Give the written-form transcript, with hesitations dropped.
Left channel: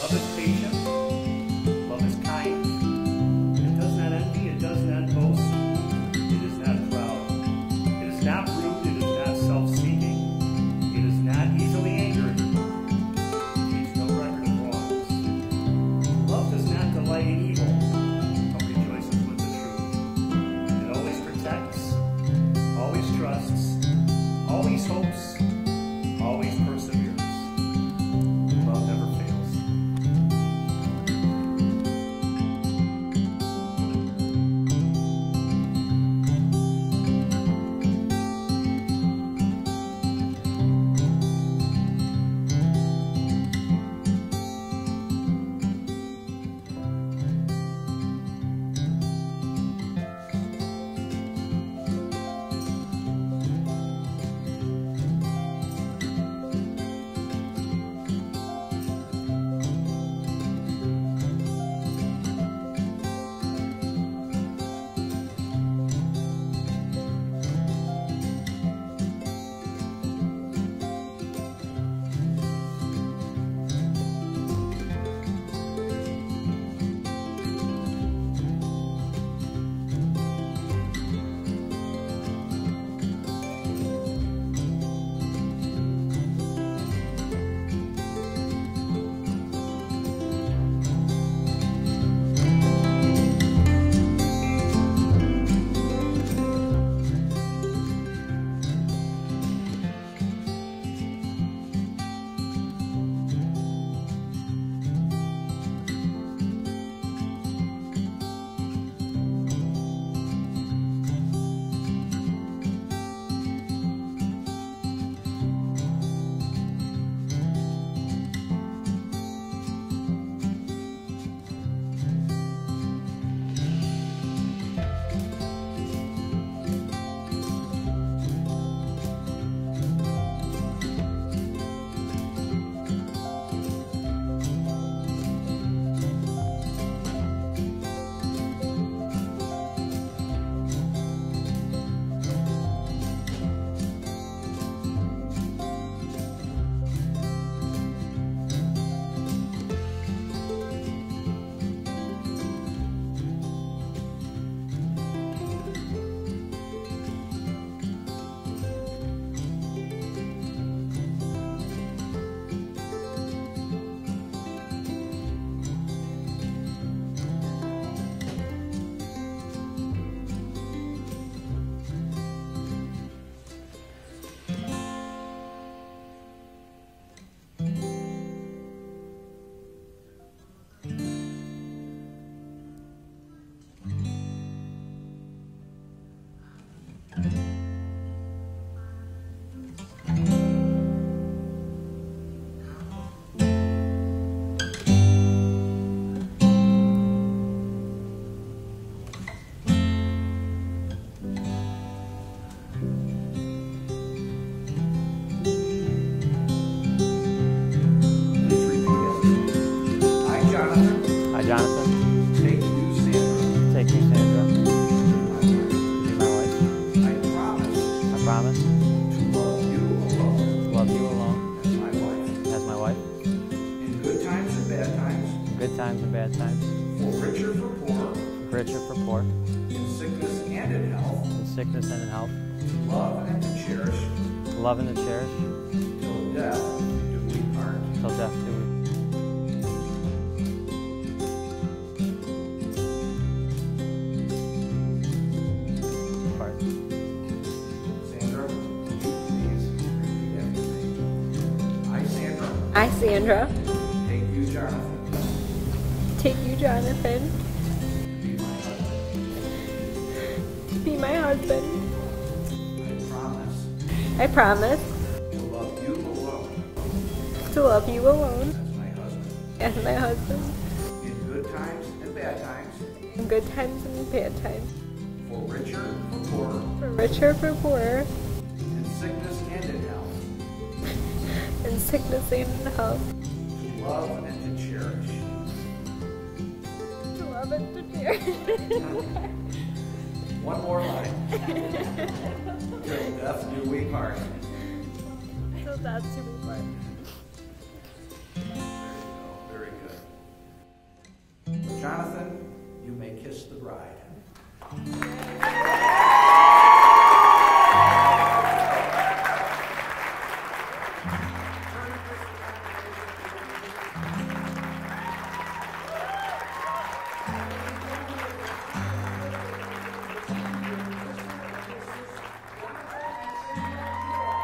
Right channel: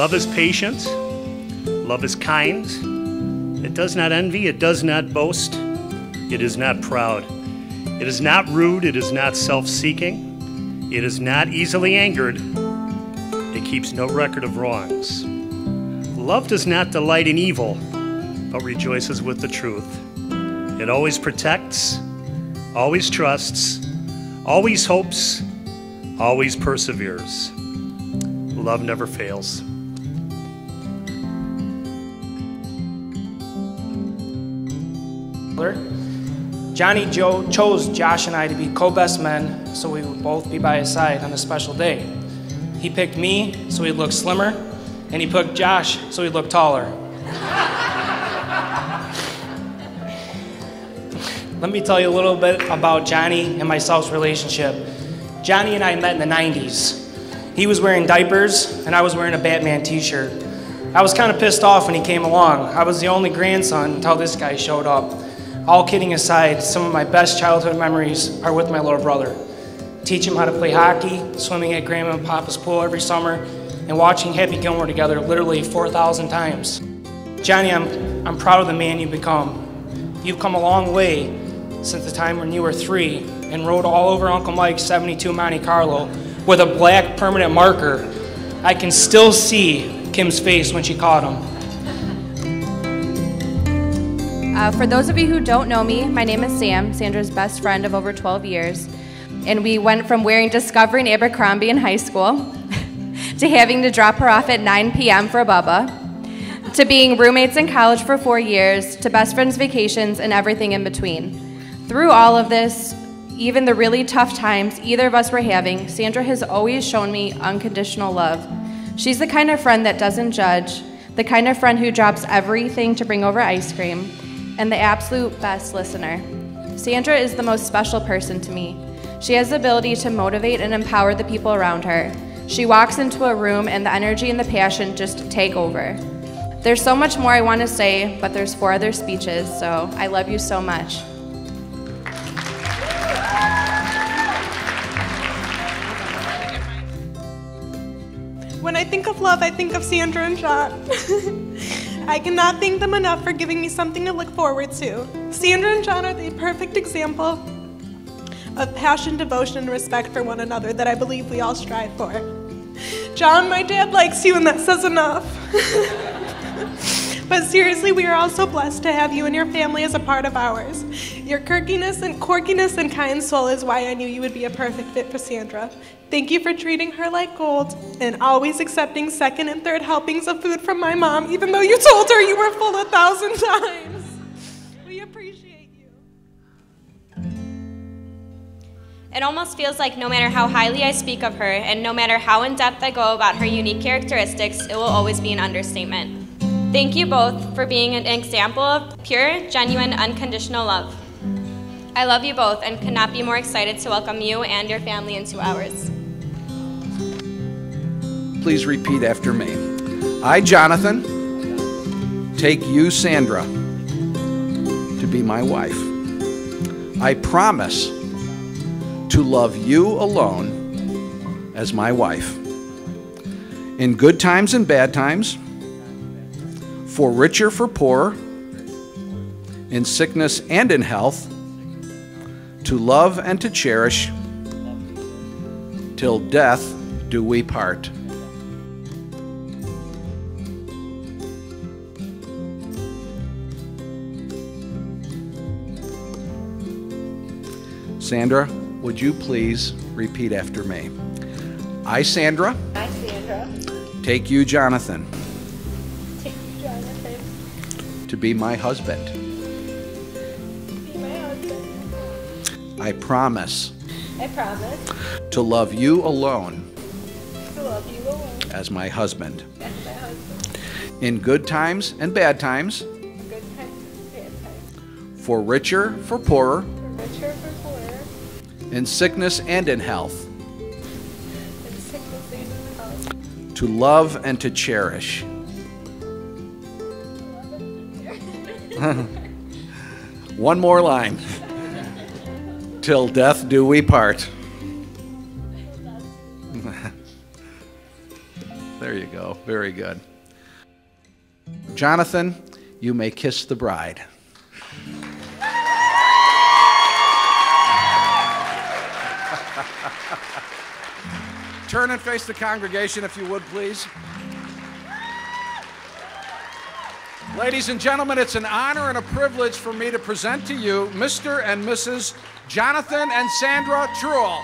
Love is patient. Love is kind. It does not envy. It does not boast. It is not proud. It is not rude. It is not self-seeking. It is not easily angered. It keeps no record of wrongs. Love does not delight in evil, but rejoices with the truth. It always protects, always trusts, always hopes, always perseveres. Love never fails. Johnny chose Josh and I to be co-best men so we would both be by his side on a special day. He picked me so he'd look slimmer, and he picked Josh so he'd look taller. Let me tell you a little bit about Johnny and myself's relationship. Johnny and I met in the 90s. He was wearing diapers, and I was wearing a Batman t-shirt. I was kind of pissed off when he came along. I was the only grandson until this guy showed up. All kidding aside, some of my best childhood memories are with my little brother. Teach him how to play hockey, swimming at Grandma and Papa's pool every summer, and watching Happy Gilmore together literally 4,000 times. Johnny, I'm proud of the man you've become. You've come a long way since the time when you were 3 and rode all over Uncle Mike's 72 Monte Carlo with a black permanent marker. I can still see Kim's face when she caught him. For those of you who don't know me, my name is Sam, Sandra's best friend of over 12 years. And we went from wearing Discovery and Abercrombie in high school to having to drop her off at 9 p.m. for Bubba, to being roommates in college for 4 years, to best friends vacations and everything in between. Through all of this, even the really tough times either of us were having, Sandra has always shown me unconditional love. She's the kind of friend that doesn't judge, the kind of friend who drops everything to bring over ice cream, and the absolute best listener. Sandra is the most special person to me. She has the ability to motivate and empower the people around her. She walks into a room and the energy and the passion just take over. There's so much more I want to say, but there's 4 other speeches, so I love you so much. When I think of love, I think of Sandra and Jon. I cannot thank them enough for giving me something to look forward to. Sandra and Jon are the perfect example of passion, devotion, and respect for one another that I believe we all strive for. Jon, my dad likes you, and that says enough. But seriously, we are all so blessed to have you and your family as a part of ours. Your quirkiness and kind soul is why I knew you would be a perfect fit for Sandra. Thank you for treating her like gold and always accepting 2nd and 3rd helpings of food from my mom, even though you told her you were full 1,000 times. We appreciate you. It almost feels like no matter how highly I speak of her and no matter how in-depth I go about her unique characteristics, it will always be an understatement. Thank you both for being an example of pure, genuine, unconditional love. I love you both and could not be more excited to welcome you and your family into ours. Please repeat after me. I, Jonathan, take you, Sandra, to be my wife. I promise to love you alone as my wife. In good times and bad times, for richer, for poorer, in sickness and in health, to love and to cherish, till death do we part. Sandra, would you please repeat after me? I, Sandra, take you, Jonathan, to be my husband. I promise to love you alone as my husband. In good times and bad times, for richer, for poorer, in sickness and in health, to love and to cherish. One more line. Till death do we part. There you go. so. Very good. Jonathan, you may kiss the bride. Turn and face the congregation, if you would, please. Ladies and gentlemen, it's an honor and a privilege for me to present to you Mr. and Mrs. Jonathan and Sandra Truell.